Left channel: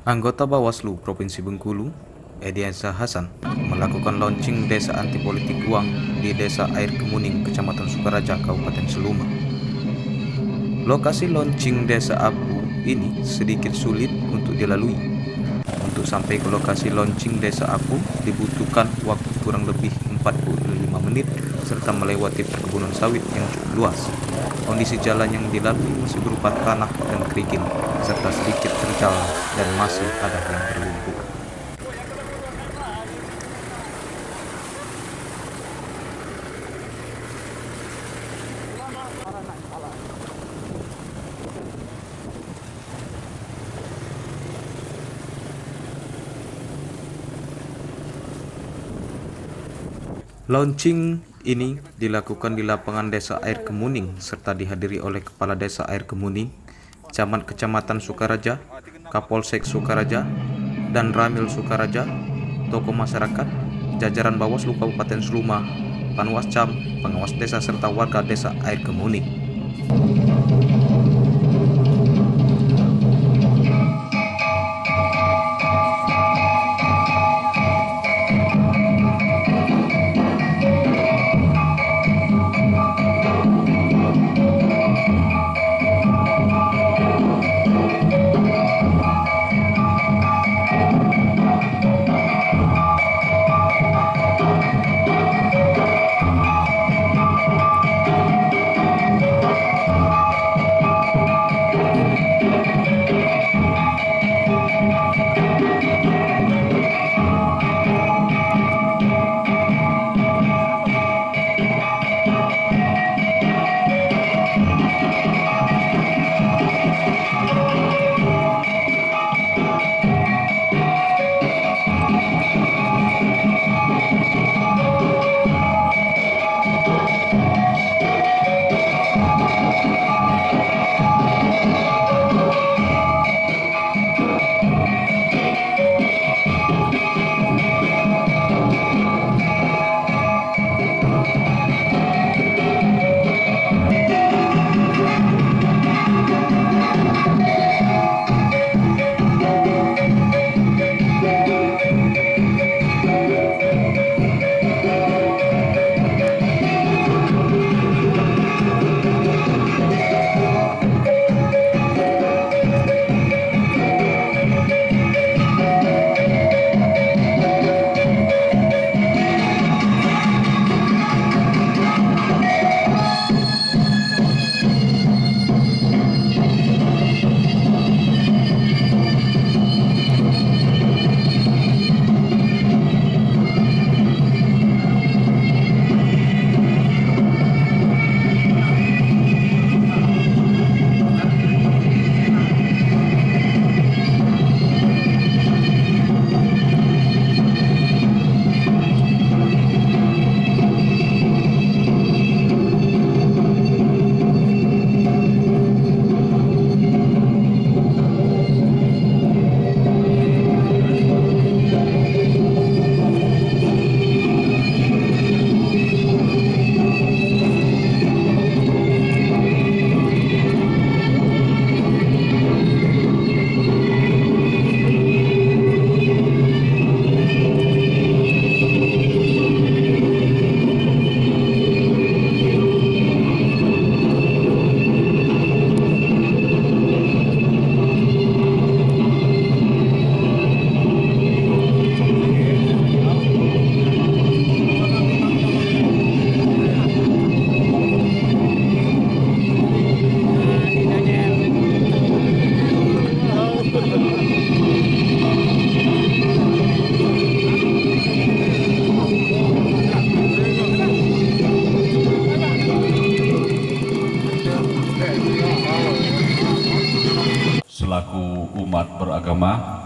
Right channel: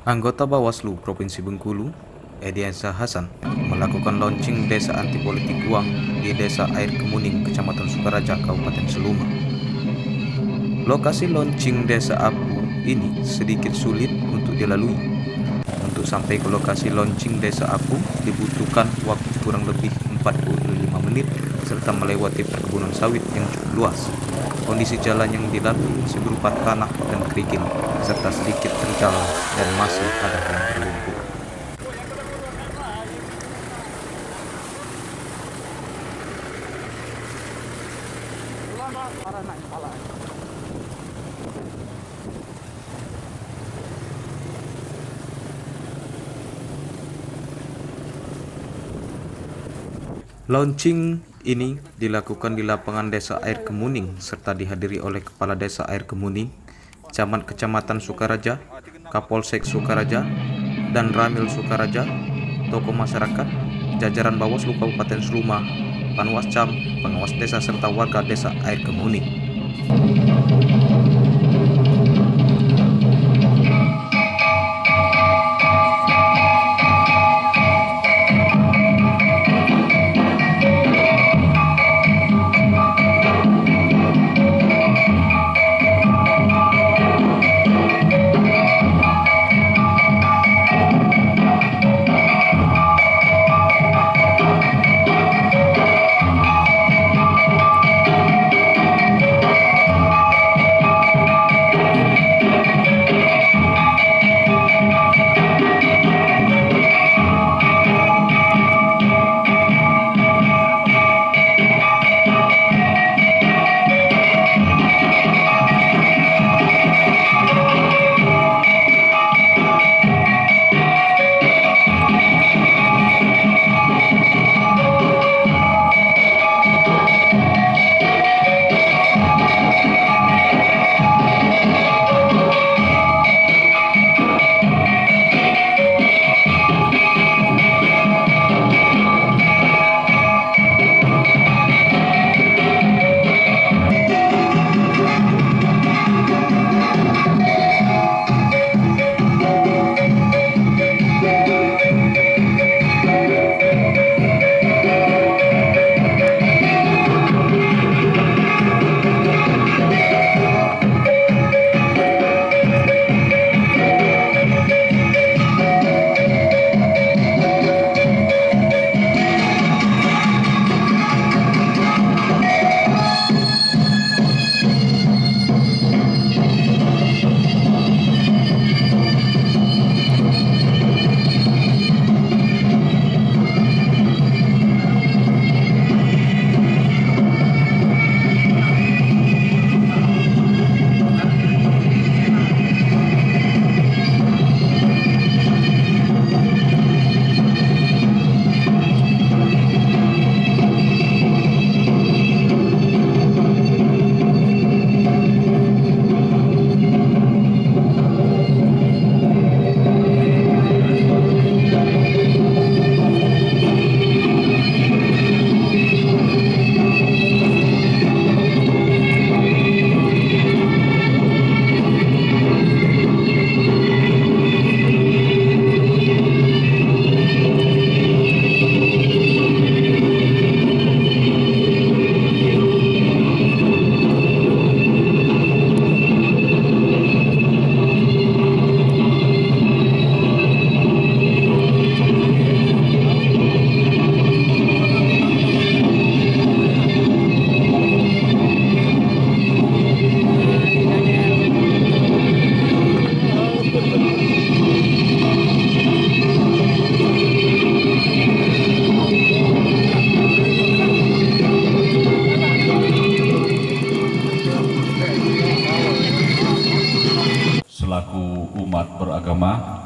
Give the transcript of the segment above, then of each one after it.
Anggota Bawaslu Provinsi Bengkulu, Ediansyah Hasan, melakukan launching Desa Anti Politik Uang di Desa Air Kemuning, Kecamatan Sukaraja, Kabupaten Seluma. Lokasi launching Desa Apu ini sedikit sulit untuk dilalui. Untuk sampai ke lokasi launching Desa Apu dibutuhkan waktu kurang lebih 45 menit serta melewati perkebunan sawit yang cukup luas. Kondisi jalan yang dilalui masih berupa tanah dan kerikil serta sedikit terjal dan masih ada yang berlumpur. Launching ini dilakukan di lapangan Desa Air Kemuning serta dihadiri oleh Kepala Desa Air Kemuning, Camat Kecamatan Sukaraja, Kapolsek Sukaraja, dan Ramil Sukaraja, tokoh masyarakat, jajaran Bawaslu Kabupaten Seluma, Panwascam, pengawas desa serta warga Desa Air Kemuning. Selaku umat beragama,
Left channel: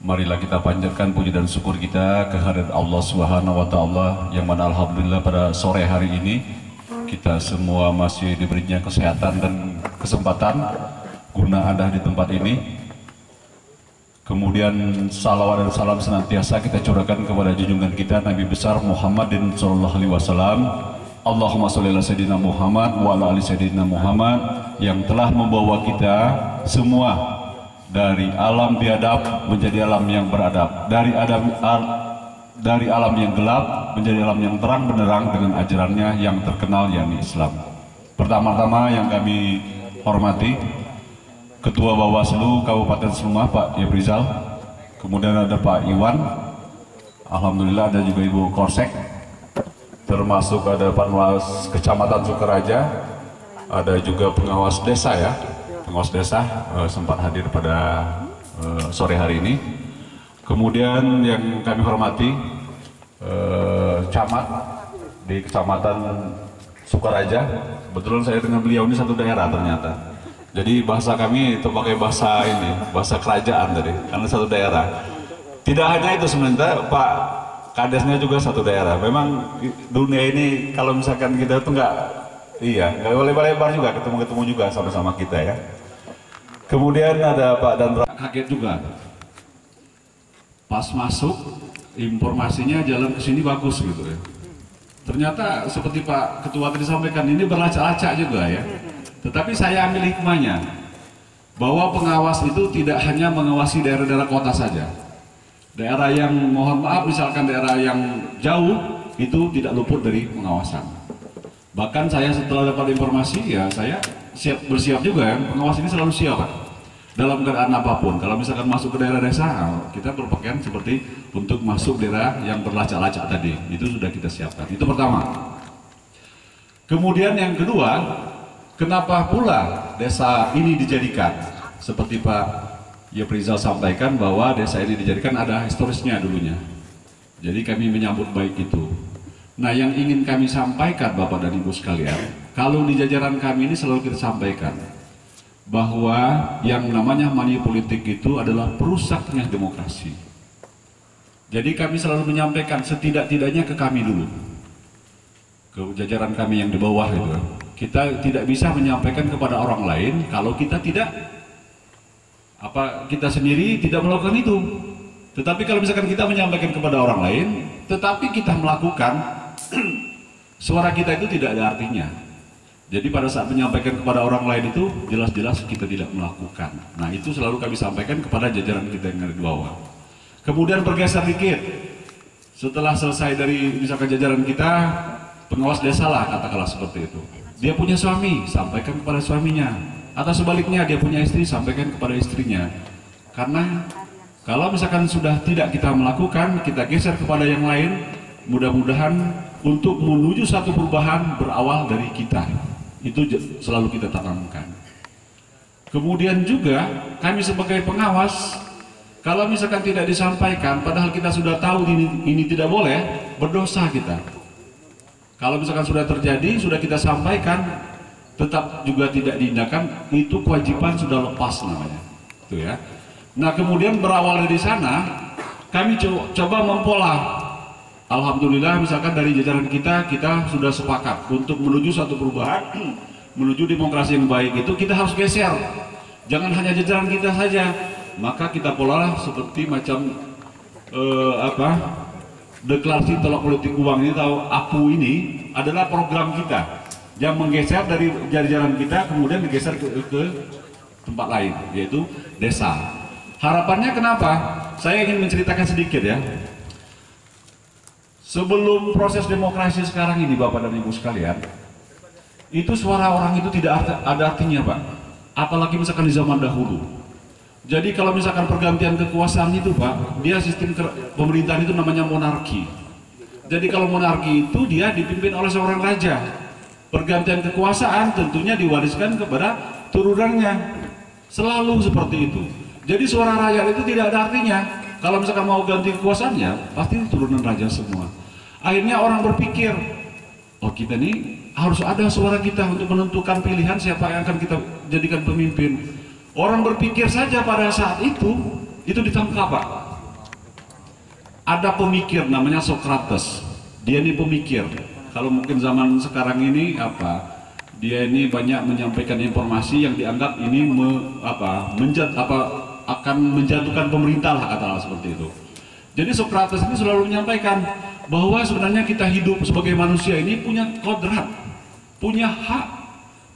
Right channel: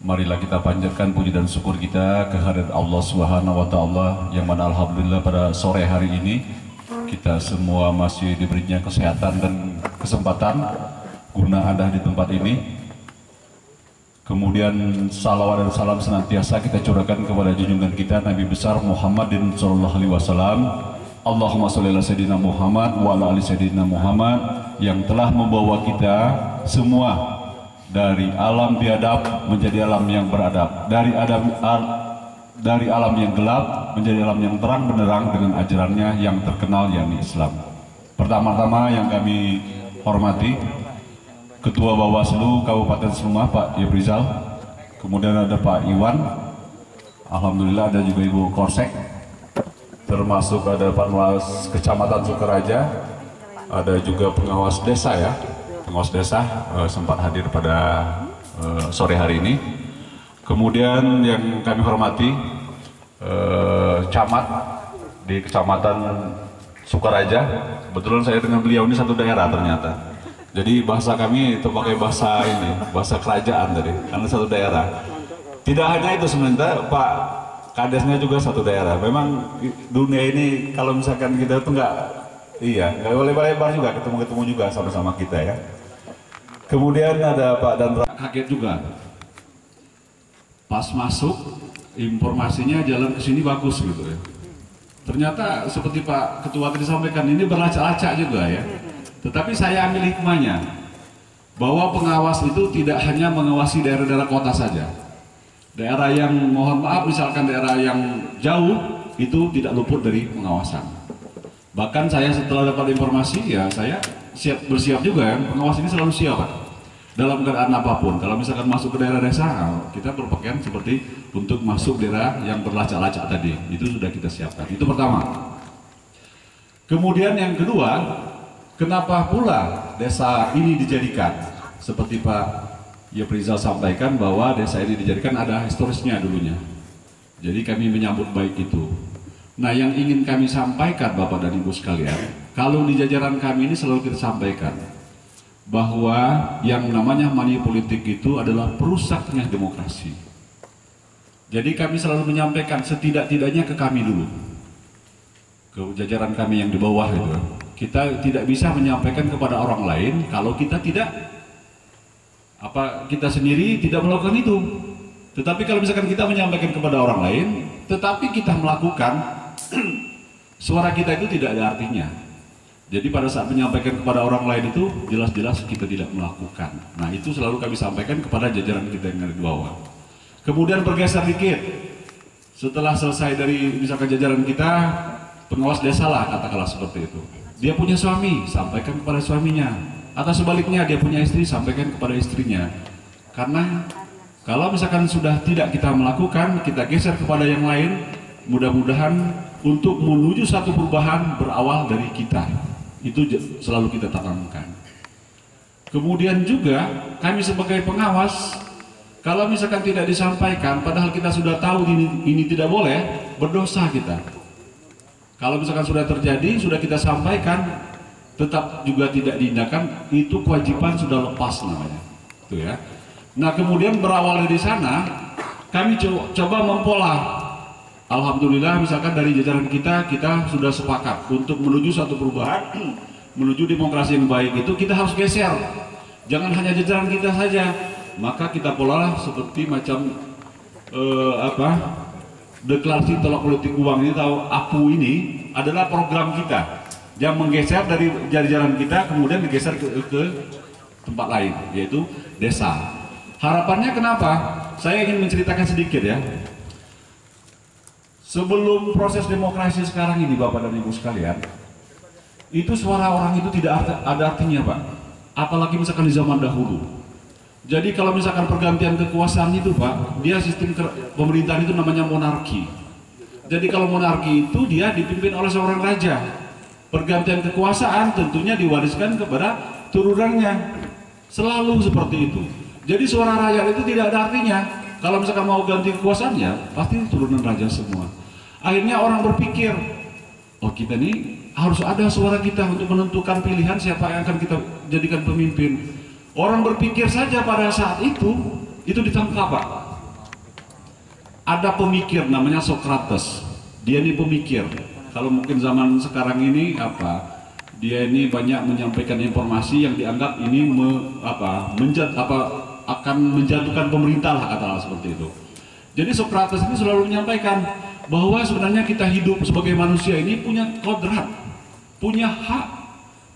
marilah kita panjatkan puji dan syukur kita kehadirat Allah Subhanahu wa taala yang mana alhamdulillah pada sore hari ini kita semua masih diberinya kesehatan dan kesempatan guna ada di tempat ini. Kemudian salawat dan salam senantiasa kita curahkan kepada junjungan kita Nabi besar Muhammadin sallallahu alaihi wasallam. Allahumma sholli ala sayyidina Muhammad wa ala ali sayyidina Muhammad yang telah membawa kita semua dari alam biadab menjadi alam yang beradab, dari alam yang gelap menjadi alam yang terang benderang dengan ajarannya yang terkenal, yakni Islam. Pertama-tama yang kami hormati Ketua Bawaslu Kabupaten Seluma, Pak Yeprizal, kemudian ada Pak Iwan, alhamdulillah ada juga Ibu Korsek, termasuk ada Panwas Kecamatan Sukaraja, ada juga pengawas desa ya, pengawas desa sempat hadir pada sore hari ini. Kemudian yang kami hormati camat di Kecamatan Sukaraja, kebetulan saya dengan beliau ini satu daerah ternyata. Jadi bahasa kami itu pakai bahasa ini, bahasa kerajaan tadi, karena satu daerah. Tidak hanya itu sebenarnya, Pak Kadesnya juga satu daerah. Memang dunia ini kalau misalkan kita tuh nggak boleh lebar juga, ketemu juga sama-sama kita ya. Kemudian ada Pak Dandra, kaget juga. Pas masuk informasinya jalan ke sini bagus gitu ya. Ternyata seperti Pak Ketua tadi sampaikan, ini berlacak-lacak juga ya. Tetapi saya ambil hikmahnya bahwa pengawas itu tidak hanya mengawasi daerah-daerah kota saja. Daerah yang mohon maaf misalkan daerah yang jauh itu tidak luput dari pengawasan. Bahkan saya setelah dapat informasi ya saya bersiap juga ya. Pengawas ini selalu siap Pak. Dalam keadaan apapun, kalau misalkan masuk ke daerah desa, kita berpakaian seperti untuk masuk daerah yang berlacak-lacak tadi, itu sudah kita siapkan. Itu pertama. Kemudian yang kedua, kenapa pula desa ini dijadikan? Seperti Pak Yeprizal sampaikan bahwa desa ini dijadikan ada historisnya dulunya. Jadi kami menyambut baik itu. Nah yang ingin kami sampaikan Bapak dan Ibu sekalian, kalau di jajaran kami ini selalu kita sampaikan, bahwa yang namanya money politik itu adalah perusaknya demokrasi. Jadi kami selalu menyampaikan setidak-tidaknya ke kami dulu, ke jajaran kami yang di bawah itu. Kita tidak bisa menyampaikan kepada orang lain kalau kita kita sendiri tidak melakukan itu. Tetapi kalau misalkan kita menyampaikan kepada orang lain, tetapi kita melakukan, suara kita itu tidak ada artinya. Jadi pada saat menyampaikan kepada orang lain itu jelas-jelas kita tidak melakukan. Nah itu selalu kami sampaikan kepada jajaran kita yang ada di bawah. Kemudian bergeser dikit. Setelah selesai dari misalkan jajaran kita, pengawas desa lah katakanlah seperti itu. Dia punya suami, sampaikan kepada suaminya. Atau sebaliknya dia punya istri, sampaikan kepada istrinya. Karena kalau misalkan sudah tidak kita melakukan, kita geser kepada yang lain, mudah-mudahan untuk menuju satu perubahan berawal dari kita. Itu selalu kita tanamkan. Kemudian juga kami sebagai pengawas, kalau misalkan tidak disampaikan, padahal kita sudah tahu ini tidak boleh, berdosa kita. Kalau misalkan sudah terjadi, sudah kita sampaikan, tetap juga tidak diindahkan, itu kewajiban sudah lepas namanya. Itu ya. Nah kemudian berawal dari sana, kami coba mempola. Alhamdulillah misalkan dari jajaran kita sudah sepakat untuk menuju satu perubahan, menuju demokrasi yang baik itu kita harus geser. Jangan hanya jajaran kita saja, maka kita polalah seperti macam deklarasi tolak politik uang ini atau APU ini adalah program kita yang menggeser dari jajaran kita kemudian digeser ke tempat lain, yaitu desa. Harapannya kenapa? Saya ingin menceritakan sedikit ya. Sebelum proses demokrasi sekarang ini Bapak dan Ibu sekalian, itu suara orang itu tidak ada artinya Pak. Apalagi misalkan di zaman dahulu. Jadi kalau misalkan pergantian kekuasaan itu Pak, dia sistem pemerintahan itu namanya monarki. Jadi kalau monarki itu dia dipimpin oleh seorang raja. Pergantian kekuasaan tentunya diwariskan kepada turunannya. Selalu seperti itu. Jadi suara rakyat itu tidak ada artinya. Kalau misalkan mau ganti kekuasaannya, pasti turunan raja semua. Akhirnya orang berpikir, oh kita ini harus ada suara kita untuk menentukan pilihan siapa yang akan kita jadikan pemimpin. Orang berpikir saja pada saat itu ditangkap Pak. Ada pemikir namanya Socrates. Dia ini pemikir. Kalau mungkin zaman sekarang ini dia ini banyak menyampaikan informasi yang dianggap ini akan menjatuhkan pemerintah lah katakanlah seperti itu. Jadi Socrates ini selalu menyampaikan bahwa sebenarnya kita hidup sebagai manusia ini punya kodrat, punya hak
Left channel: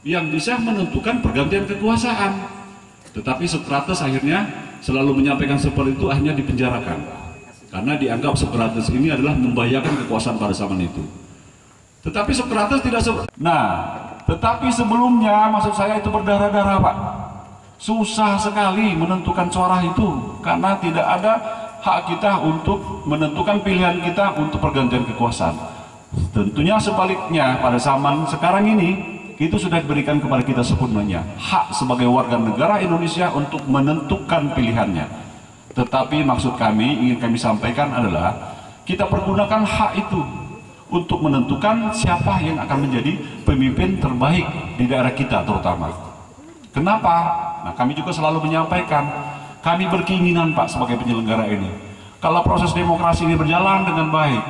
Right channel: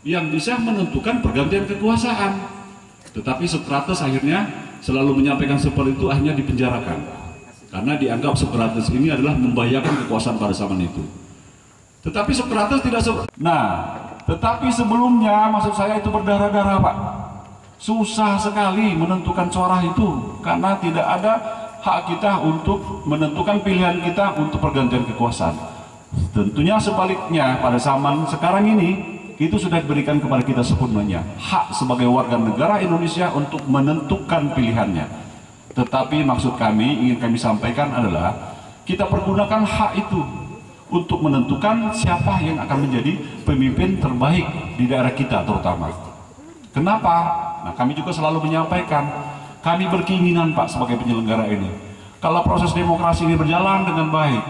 yang bisa menentukan pergantian kekuasaan. Tetapi Socrates akhirnya selalu menyampaikan seperti itu, akhirnya dipenjarakan. Karena dianggap Socrates ini adalah membahayakan kekuasaan pada zaman itu. Tetapi Socrates tidak tetapi sebelumnya, maksud saya itu berdarah-darah, Pak. Susah sekali menentukan suara itu, karena tidak ada hak kita untuk menentukan pilihan kita untuk pergantian kekuasaan. Tentunya sebaliknya, pada zaman sekarang ini, itu sudah diberikan kepada kita sepenuhnya. Hak sebagai warga negara Indonesia untuk menentukan pilihannya. Tetapi maksud kami, ingin kami sampaikan adalah, kita pergunakan hak itu untuk menentukan siapa yang akan menjadi pemimpin terbaik di daerah kita terutama. Kenapa? Nah, kami juga selalu menyampaikan, kami berkeinginan, Pak, sebagai penyelenggara ini, kalau proses demokrasi ini berjalan dengan baik,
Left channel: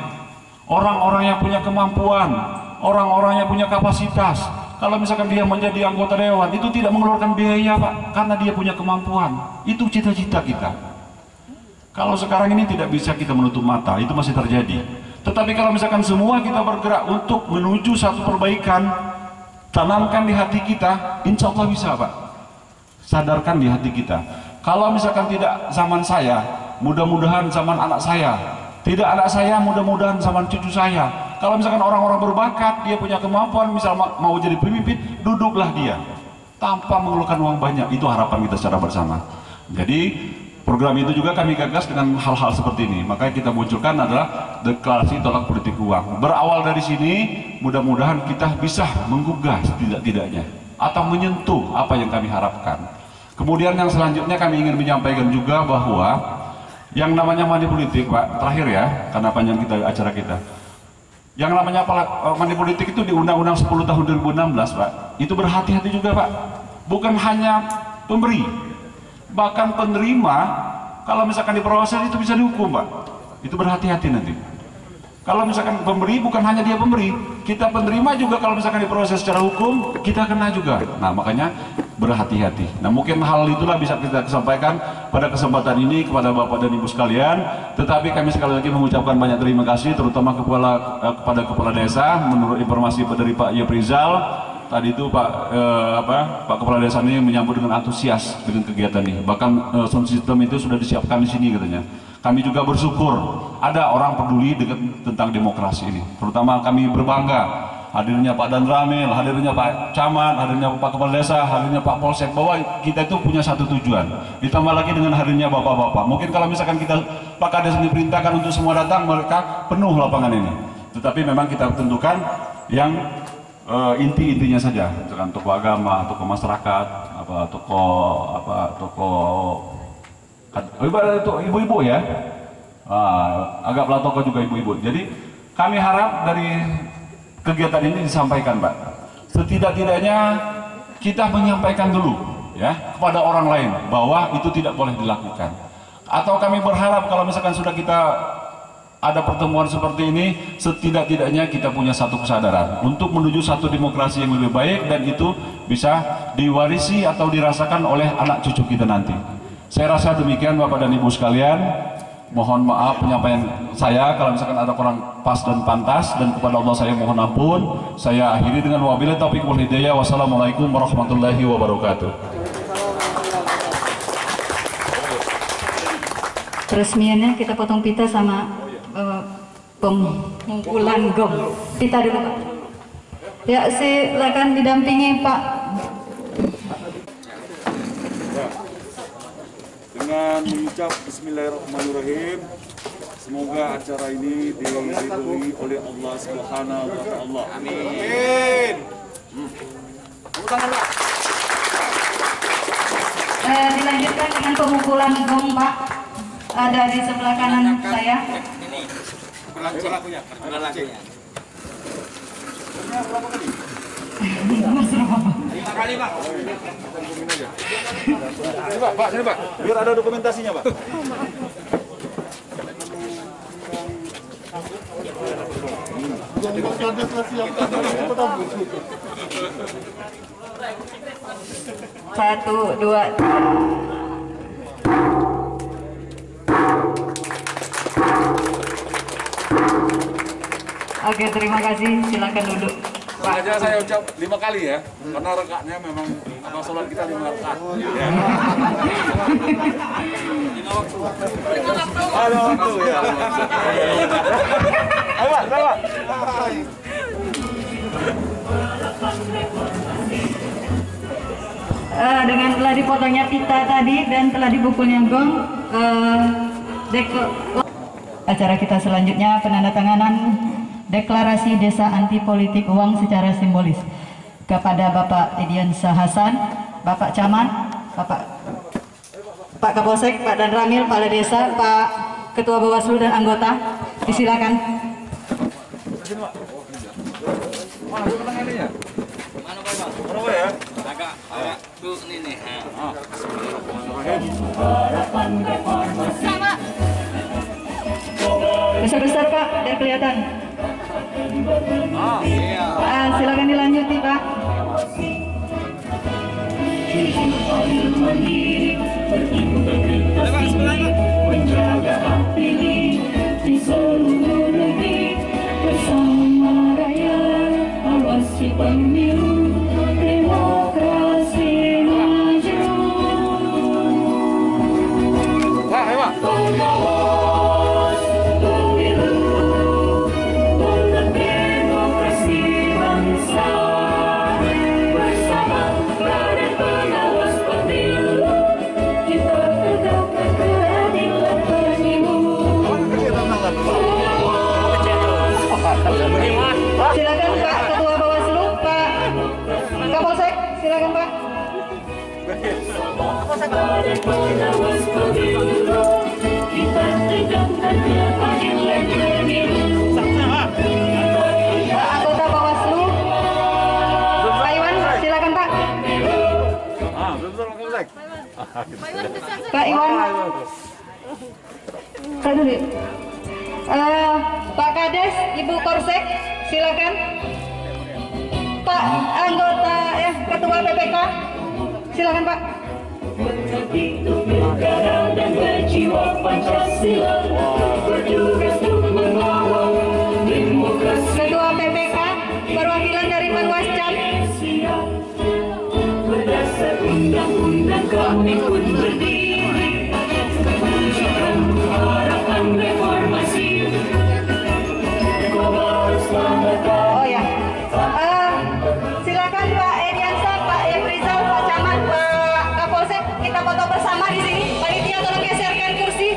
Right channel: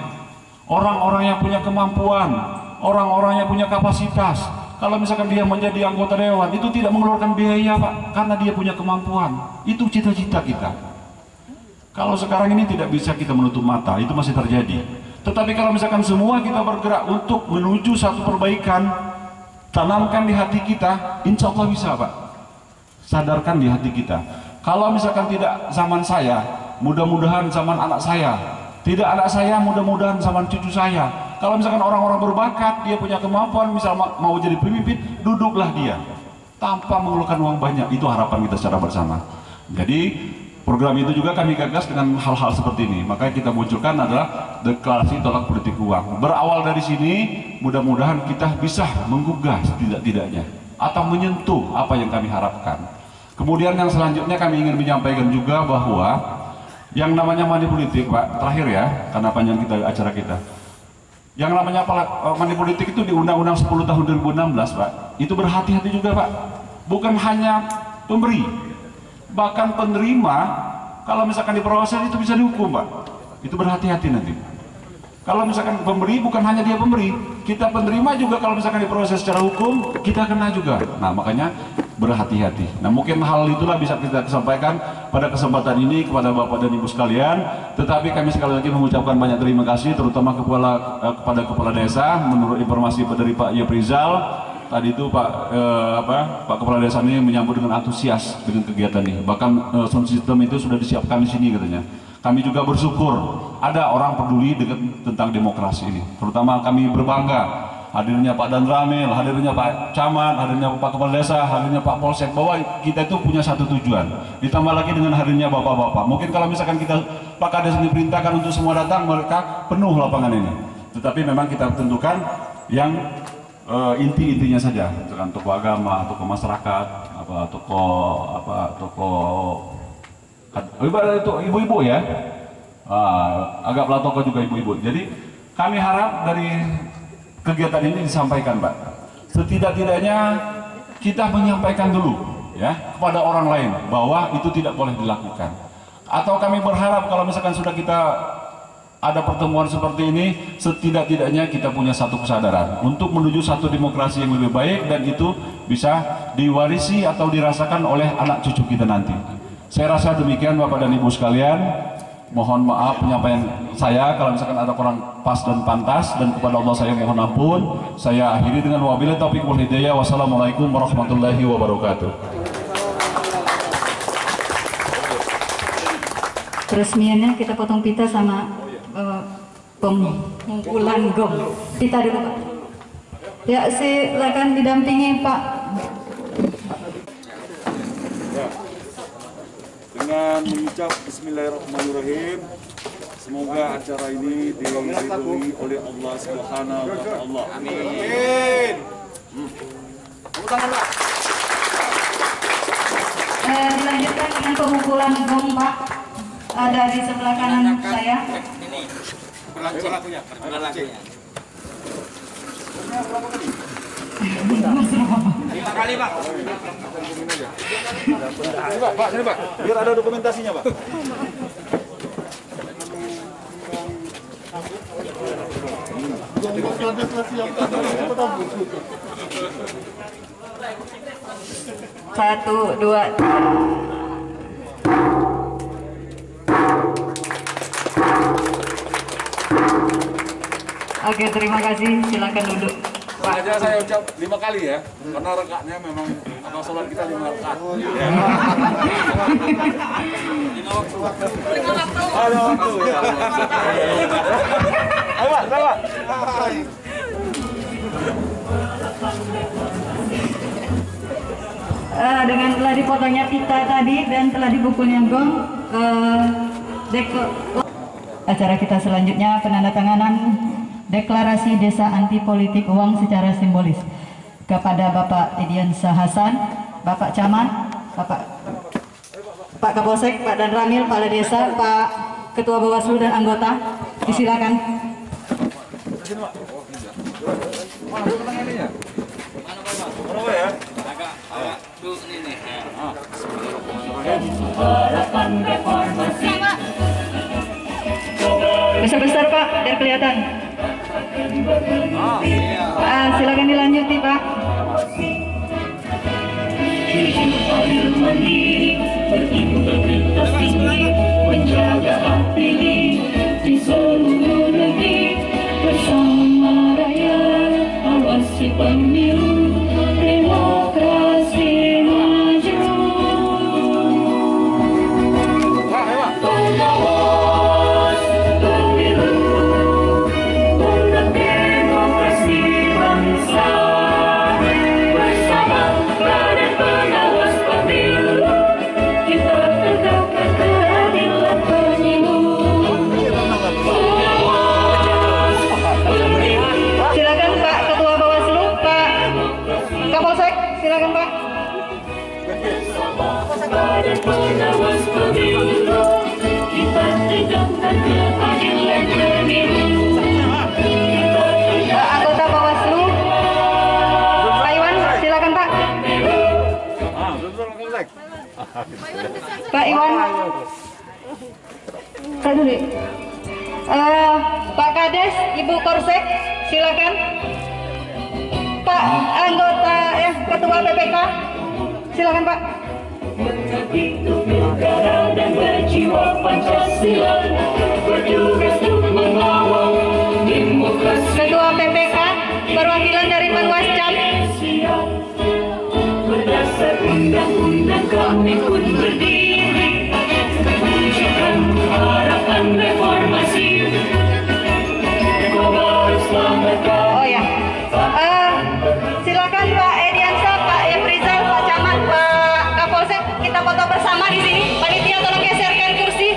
orang-orang yang punya kemampuan, orang-orang yang punya kapasitas, kalau misalkan dia menjadi anggota dewan, itu tidak mengeluarkan biaya, Pak, karena dia punya kemampuan. Itu cita-cita kita. Kalau sekarang ini tidak bisa kita menutup mata, itu masih terjadi. Tetapi kalau misalkan semua kita bergerak untuk menuju satu perbaikan, tanamkan di hati kita, insya Allah bisa, Pak. Sadarkan di hati kita. Kalau misalkan tidak zaman saya, mudah-mudahan zaman anak saya. Tidak anak saya, mudah-mudahan zaman cucu saya. Kalau misalkan orang-orang berbakat, dia punya kemampuan, misal mau jadi pemimpin, duduklah dia. Tanpa mengeluarkan uang banyak, itu harapan kita secara bersama. Jadi, program itu juga kami gagas dengan hal-hal seperti ini. Makanya kita munculkan adalah deklarasi tolak politik uang. Berawal dari sini, mudah-mudahan kita bisa menggugah setidak-tidaknya atau menyentuh apa yang kami harapkan. Kemudian yang selanjutnya kami ingin menyampaikan juga bahwa yang namanya money politik, Pak, terakhir ya, karena panjang acara kita. Yang namanya money politik itu di Undang-Undang 10 tahun 2016, Pak. Itu berhati-hati juga, Pak. Bukan hanya pemberi, bahkan penerima, kalau misalkan diproses itu bisa dihukum, Pak. Itu berhati-hati nanti. Kalau misalkan pemberi, bukan hanya dia pemberi, kita penerima juga kalau misalkan diproses secara hukum, kita kena juga. Nah, makanya berhati-hati. Nah, mungkin hal itulah bisa kita sampaikan pada kesempatan ini kepada Bapak dan Ibu sekalian. Tetapi kami sekali lagi mengucapkan banyak terima kasih, terutama kepada Kepala Desa. Menurut informasi dari Pak Yeprizal, tadi itu Pak Kepala Desa ini menyambut dengan antusias dengan kegiatan ini. Bahkan sound system itu sudah disiapkan di sini katanya. Kami juga bersyukur ada orang peduli tentang demokrasi ini. Terutama kami berbangga hadirnya Pak Dan Ramil, hadirnya Pak Camat, hadirnya Pak Kepala Desa, hadirnya Pak Polsek, bahwa kita itu punya satu tujuan. Ditambah lagi dengan hadirnya bapak-bapak. Mungkin kalau misalkan kita Pak Kades diperintahkan untuk semua datang, mereka penuh lapangan ini. Tetapi memang kita tentukan yang inti-intinya saja, dengan tokoh agama, tokoh masyarakat, ibu-ibu ya, agaklah tokoh juga ibu-ibu. Jadi kami harap dari kegiatan ini disampaikan, Pak. Setidak-tidaknya kita menyampaikan dulu ya kepada orang lain bahwa itu tidak boleh dilakukan. Atau kami berharap kalau misalkan sudah kita ada pertemuan seperti ini, setidak-tidaknya kita punya satu kesadaran untuk menuju satu demokrasi yang lebih baik, dan itu bisa diwarisi atau dirasakan oleh anak cucu kita nanti. Saya rasa demikian, Bapak dan Ibu sekalian. Mohon maaf penyampaian saya kalau misalkan ada kurang pas dan pantas, dan kepada Allah saya mohon ampun. Saya akhiri dengan wabillahi taufiq wal hidayah. Wassalamualaikum warahmatullahi wabarakatuh. Peresmiannya kita potong pita sama pengumpulan gong. Pita dulu, Pak. Ya, silakan didampingi Pak. Dengan mengucap Bismillahirrahmanirrahim, semoga acara ini diridhoi oleh Allah Subhanahu wa Ta'ala. Amin. Dilanjutkan dengan pengumpulan gong, Pak. Ada di sebelah kanan saya. Berlakunya. Lima kali, Pak. Sini, Pak. Biar ada dokumentasinya, Pak. Satu, dua, tiga. Oke, terima kasih. Silakan duduk. Sengaja saya ucap 5 kali ya, karena rekaknya memang Karena sholat kita 5 rakaat. Ya. 5 waktu. 5 waktu. Ada waktu ya. Ayo Pak, Pak. Dengan telah dipotongnya pita tadi dan telah dipukulnya gong, acara kita selanjutnya penandatanganan deklarasi Desa Anti Politik Uang secara simbolis kepada Bapak Ediansyah Hasan, Bapak Camat, Pak Kapolsek, Pak Dan Ramil, Kepala Desa, Pak Ketua Bawaslu dan anggota, disilakan. Besar-besar Pak, biar kelihatan. Silakan dilanjuti Pak. Menjaga hak pilih di seluruh negeri bersama rakyat, awasi pemilu, demokrasi maju. Pengawas pemilu untuk demokrasi bangsa, bersama badan pengawas pemilu kita tegakkan keadilan pemilu. Silakan Pak Ketua Bawaslu, Pak Kapolsek, silakan Pak. Badan pengawas pemilu kita tegakkan keadilan pemilu. Anggota Bawaslu, Pak Iwan, silakan Pak. Pak Iwan, Pak dulu. Pak Kades, Ibu Korsek, silakan. Pak anggota Ketua PPK, silakan Pak. Hidup negara dan berjiwa Pancasila, berjuang untuk mengawal demokrasi. Ketua PPK, perwakilan dari Panwascam. Berdasar undang-undang kami pun berdiri, mewujudkan harapan reformasi. Oh ya, silakan Pak Ediansyah, Pak Efrizal, Pak Camat, Pak Kapolsek, kita foto bersama di sini. Panitia tolong geserkan kursi.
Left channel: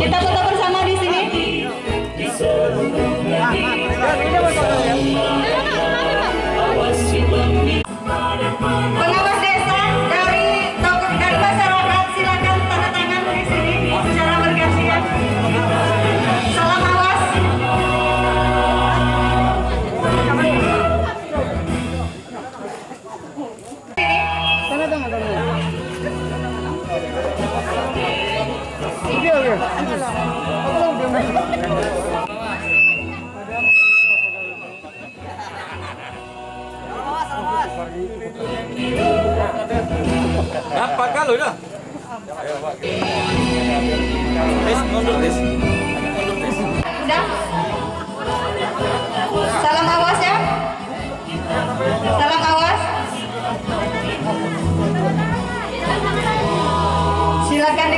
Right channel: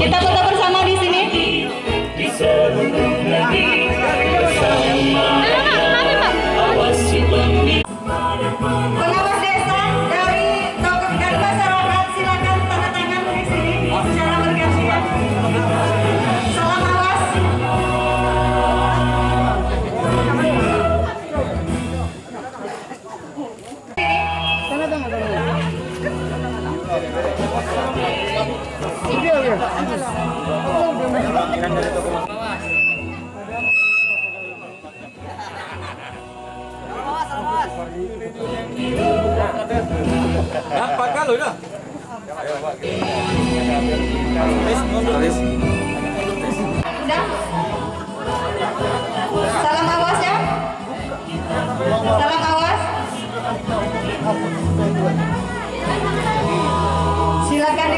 Kita foto bersama di sini. Pengawas desa dari masyarakat, silakan tanda tangan di sini secara bergantian. Salam awas. Dapat kalau dah. Sudah. Salam awas ya. Salam awas. Silakan